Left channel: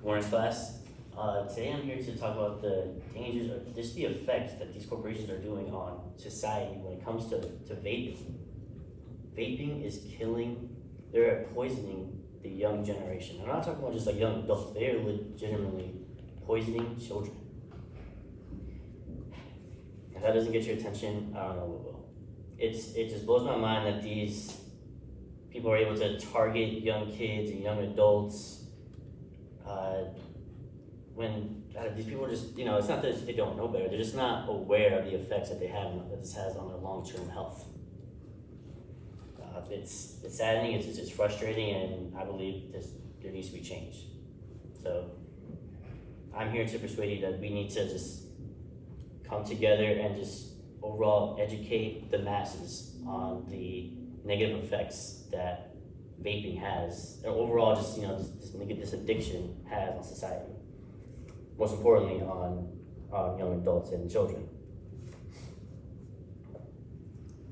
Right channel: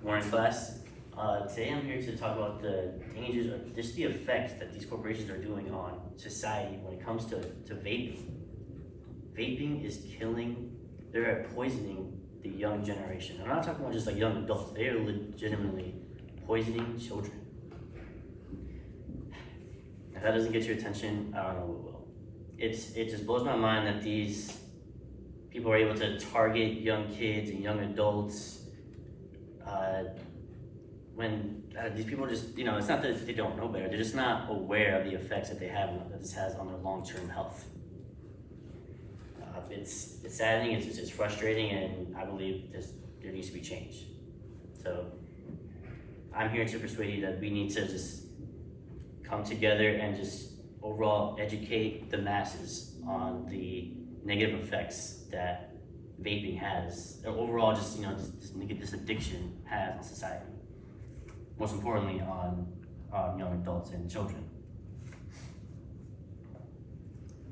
Good morning, class. Today I'm here to talk about the dangers or just the effects that these corporations are doing on society when it comes to vaping. Vaping is killing, they're poisoning the young generation. I'm not talking about just like young adults, they are legitimately poisoning children. If that doesn't get your attention, I don't know what will. It just blows my mind that these people are able to target young kids and young adults when these people just, it's not that they don't know better, they're just not aware of the effects that that this has on their long-term health. It's saddening, it's frustrating, and I believe there needs to be change. So I'm here to persuade you that we need to just come together and just overall educate the masses on the negative effects that vaping has, or overall just this addiction has on society. Most importantly on young adults and children.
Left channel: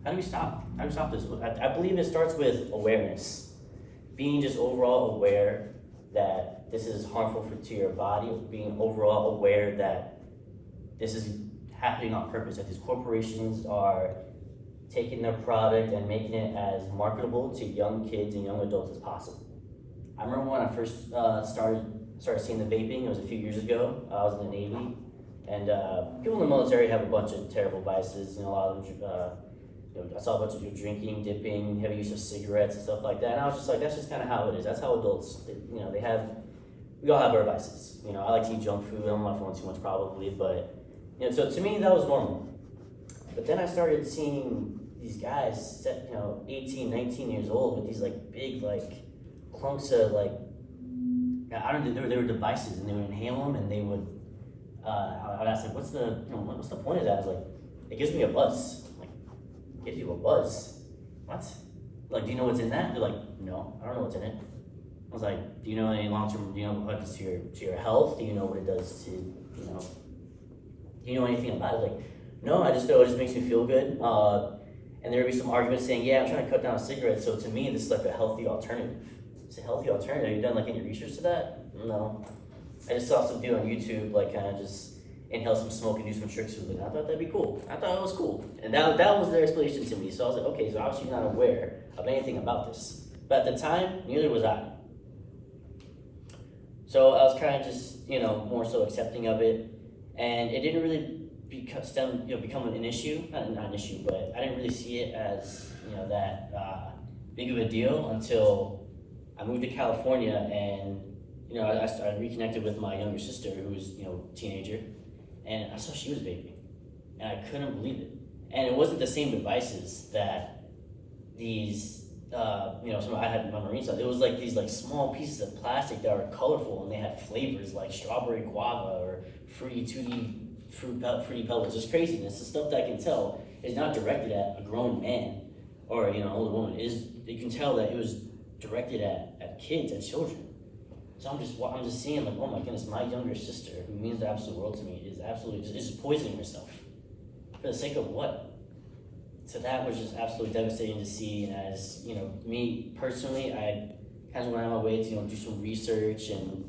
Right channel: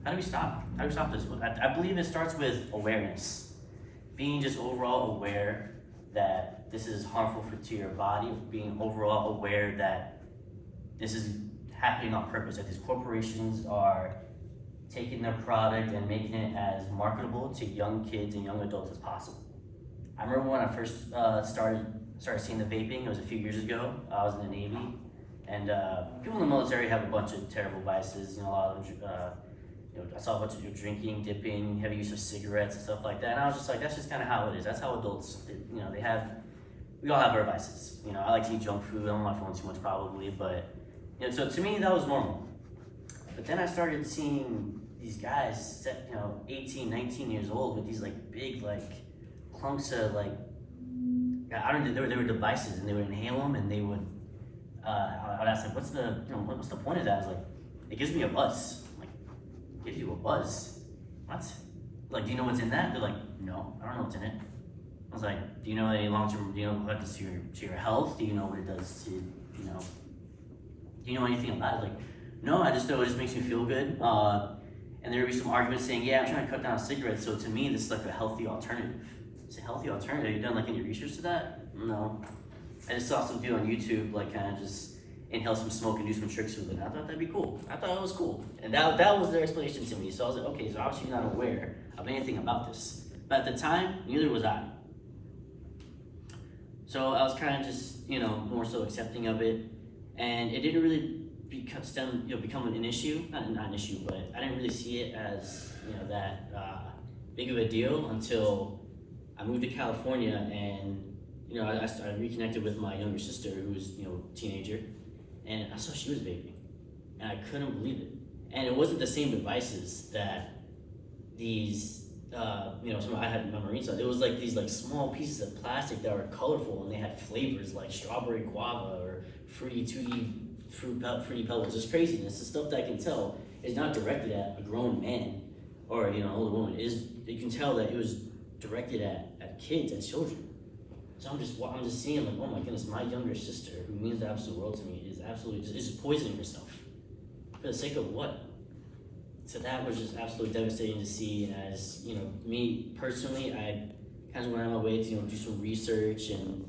How do we stop? How do we stop this? I believe it starts with awareness. Being just overall aware that this is harmful to your body, being overall aware that this is happening on purpose, that these corporations are taking their product and making it as marketable to young kids and young adults as possible. I remember when I first started seeing the vaping, it was a few years ago. I was in the Navy, and people in the military have a bunch of terrible vices. A lot of them, I saw a bunch of drinking, dipping, heavy use of cigarettes and stuff like that. And I was just like, that's just kind of how it is. That's how adults, we all have our vices. I like to eat junk food. I'm on my phone too much probably, but so to me that was normal. But then I started seeing these guys, 18, 19 years old with these big clumps of they were devices, and they would inhale them, and they would. I would ask them, what's the point of that? I was like, it gives me a buzz. I'm like, it gives you a buzz? What? Do you know what's in that? They're like, no, I don't know what's in it. I was like, do you know any long-term? Do you know what it does to your health? Do you know what it does to do you know anything about it? Like, no, I just know it just makes me feel good. And there would be some arguments saying, yeah, I'm trying to cut down cigarettes, so to me this is a healthy alternative. It's a healthy alternative. You done any research to that? No. I just saw some dude on YouTube kind of just inhale some smoke and do some tricks with it. And I thought that'd be cool. I thought it was cool. And that was their explanation to me. So I was like, okay, so obviously you're not aware of anything about this. But at the time, neither was I. So I was kind of just, more so accepting of it. And it didn't really become an issue. Not an issue, but I didn't really see it as, that big of a deal until I moved to California, and I reconnected with my younger sister, who was a teenager, and I saw she was vaping, and I couldn't believe it. And it wasn't the same devices that these some I had in my Marine stuff. It was these small pieces of plastic that were colorful, and they had flavors like strawberry guava or fruity pebbles. Just craziness. The stuff that I can tell is not directed at a grown man or an older woman. You can tell that it was directed at kids, at children. So I'm just seeing oh my goodness, my younger sister, who means the absolute world to me, is absolutely just poisoning herself. For the sake of what? So that was just absolutely devastating to see. And as me personally, I kind of went out of my way to do some research and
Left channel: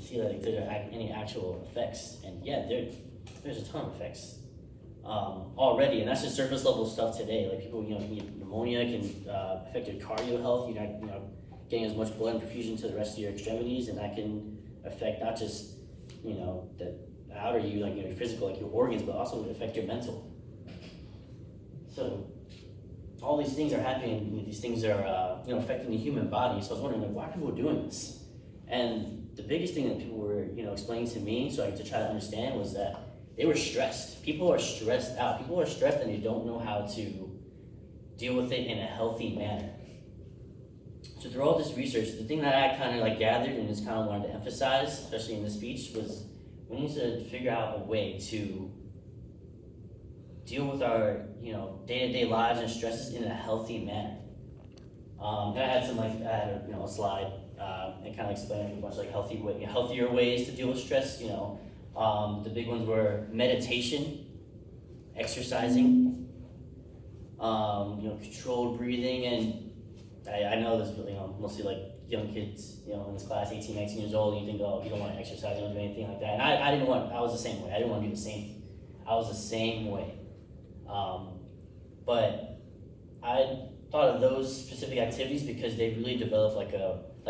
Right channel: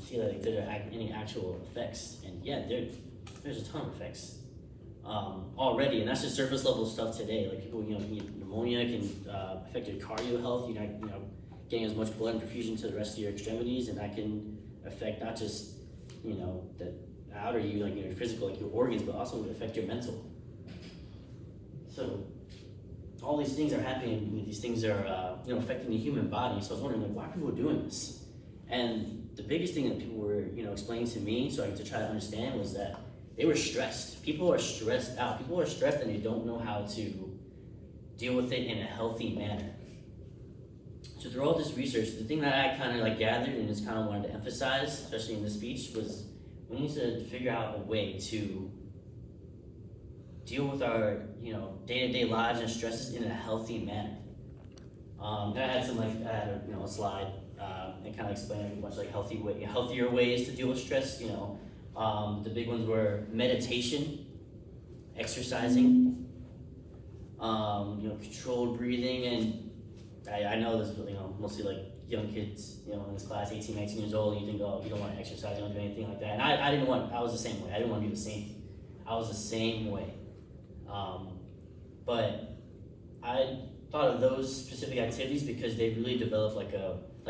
see if there are any actual effects. And yeah, there's a ton of effects already, and that's just surface level stuff today. People, can get pneumonia, can affect your cardio health. You're not, getting as much blood and perfusion to the rest of your extremities, and that can affect not just, the outer you, your physical, your organs, but also affect your mental. So all these things are happening. These things are, affecting the human body. So I was wondering, why are people doing this? And the biggest thing that people were, explaining to me, so I had to try to understand, was that they were stressed. People are stressed out. People are stressed, and they don't know how to deal with it in a healthy manner. So through all this research, the thing that I kind of gathered and just kind of wanted to emphasize, especially in this speech, was we need to figure out a way to deal with our, day-to-day lives and stresses in a healthy manner. And I had a slide and kind of explaining a bunch of healthier ways to deal with stress. The big ones were meditation, exercising, controlled breathing, and I know this, mostly like young kids, in this class, 18, 19 years old, you think, oh, you don't want to exercise, you don't do anything like that. And I was the same way. I didn't want to do the same. I was the same way. But I thought of those specific activities because they really develop like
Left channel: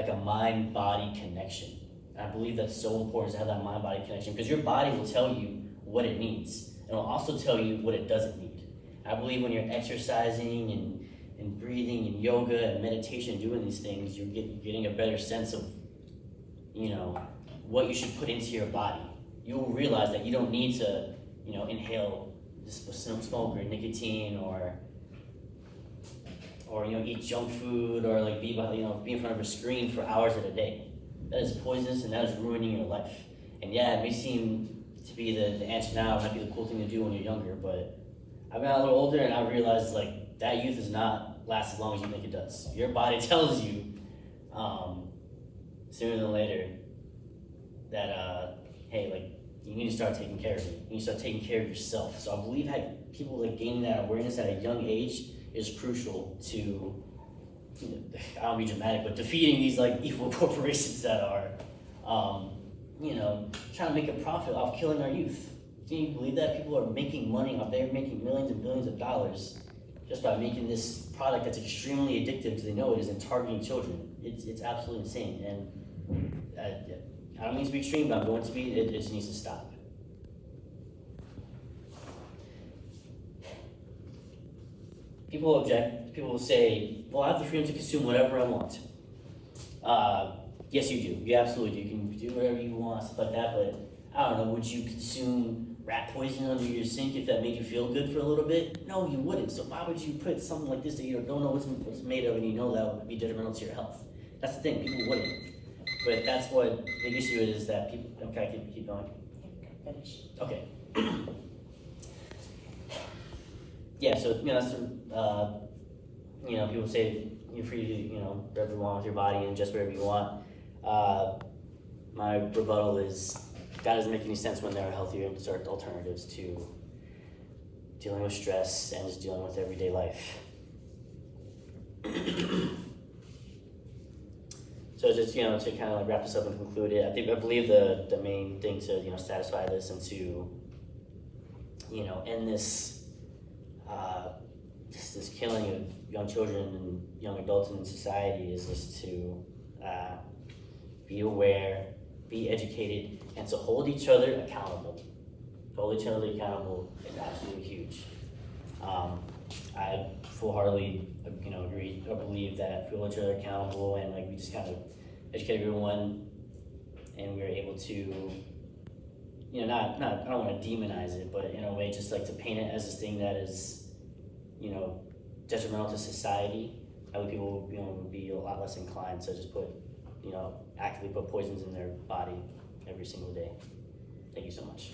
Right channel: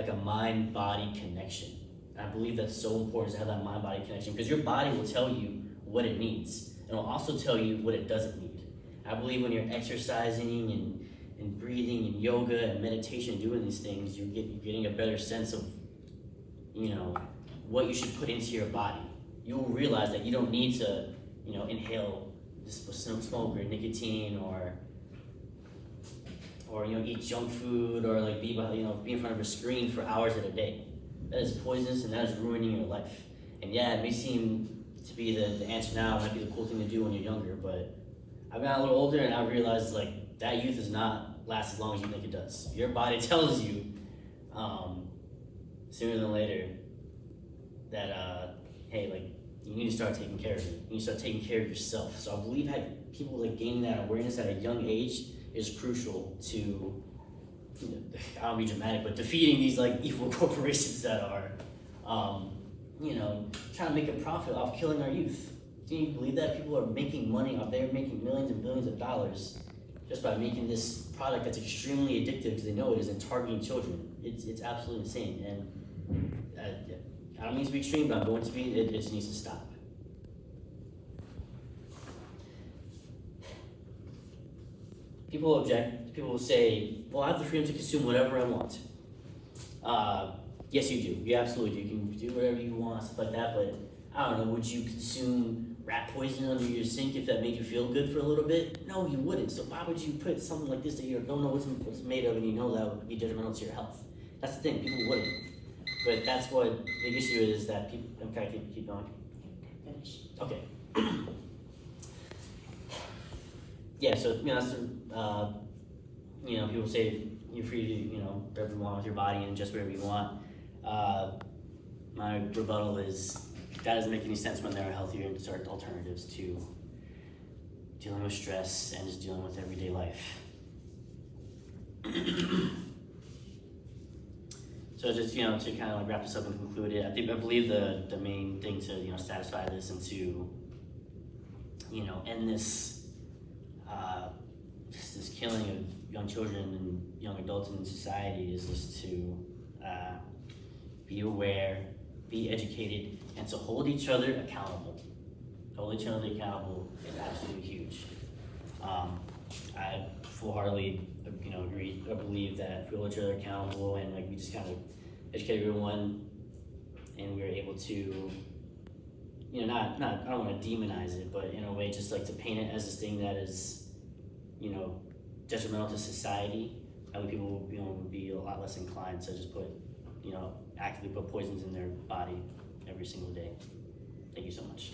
a mind-body connection. And I believe that's so important to have that mind-body connection because your body will tell you what it needs. And it'll also tell you what it doesn't need. I believe when you're exercising and breathing and yoga and meditation and doing these things, you're getting a better sense of, what you should put into your body. You will realize that you don't need to, inhale smoke or nicotine or eat junk food or like be in front of a screen for hours at a day. That is poisonous and that is ruining your life. And yeah, it may seem to be the answer now, it might be the cool thing to do when you're younger, but I've gotten a little older and I realized like that youth does not last as long as you think it does. Your body tells you sooner than later that hey, like you need to start taking care of it. You need to start taking care of yourself. So I believe that people like gaining that awareness at a young age is crucial to, I don't be dramatic, but defeating these like evil corporations that are, trying to make a profit off killing our youth. Can you believe that? People are making money off, they're making millions and billions of dollars just by making this product that's extremely addictive because they know it is and targeting children. It's absolutely insane. And I don't mean to be extreme, but I'm going to be, it just needs to stop. People object. People will say, well, I have the freedom to consume whatever I want. Yes, you do. You absolutely do. You can do whatever you want, stuff like that, but I don't know, would you consume rat poison under your sink if that made you feel good for a little bit? No, you wouldn't. So why would you put something like this that you don't know what's made of and you know that would be detrimental to your health? That's the thing, people wouldn't. But that's what the issue is that people, okay, keep going. Finish. Okay. Yeah, so, that's the, people say you're free to, whatever you want with your body and just whatever you want. My rebuttal is that doesn't make any sense when there are healthier and sort of alternatives to dealing with stress and just dealing with everyday life. So just, to kind of like wrap this up and conclude it, I believe the main thing to, satisfy this and to, end this killing of young children and young adults in society is just to be aware, be educated, and to hold each other accountable. To hold each other accountable is absolutely huge. I full-heartedly, agree. I believe that if we hold each other accountable and like we just kind of educate everyone, and we are able to, not I don't want to demonize it, but in a way, just like to paint it as this thing that is, detrimental to society. I think people, would be a lot less inclined to just put, actively put poisons in their body every single day. Thank you so much.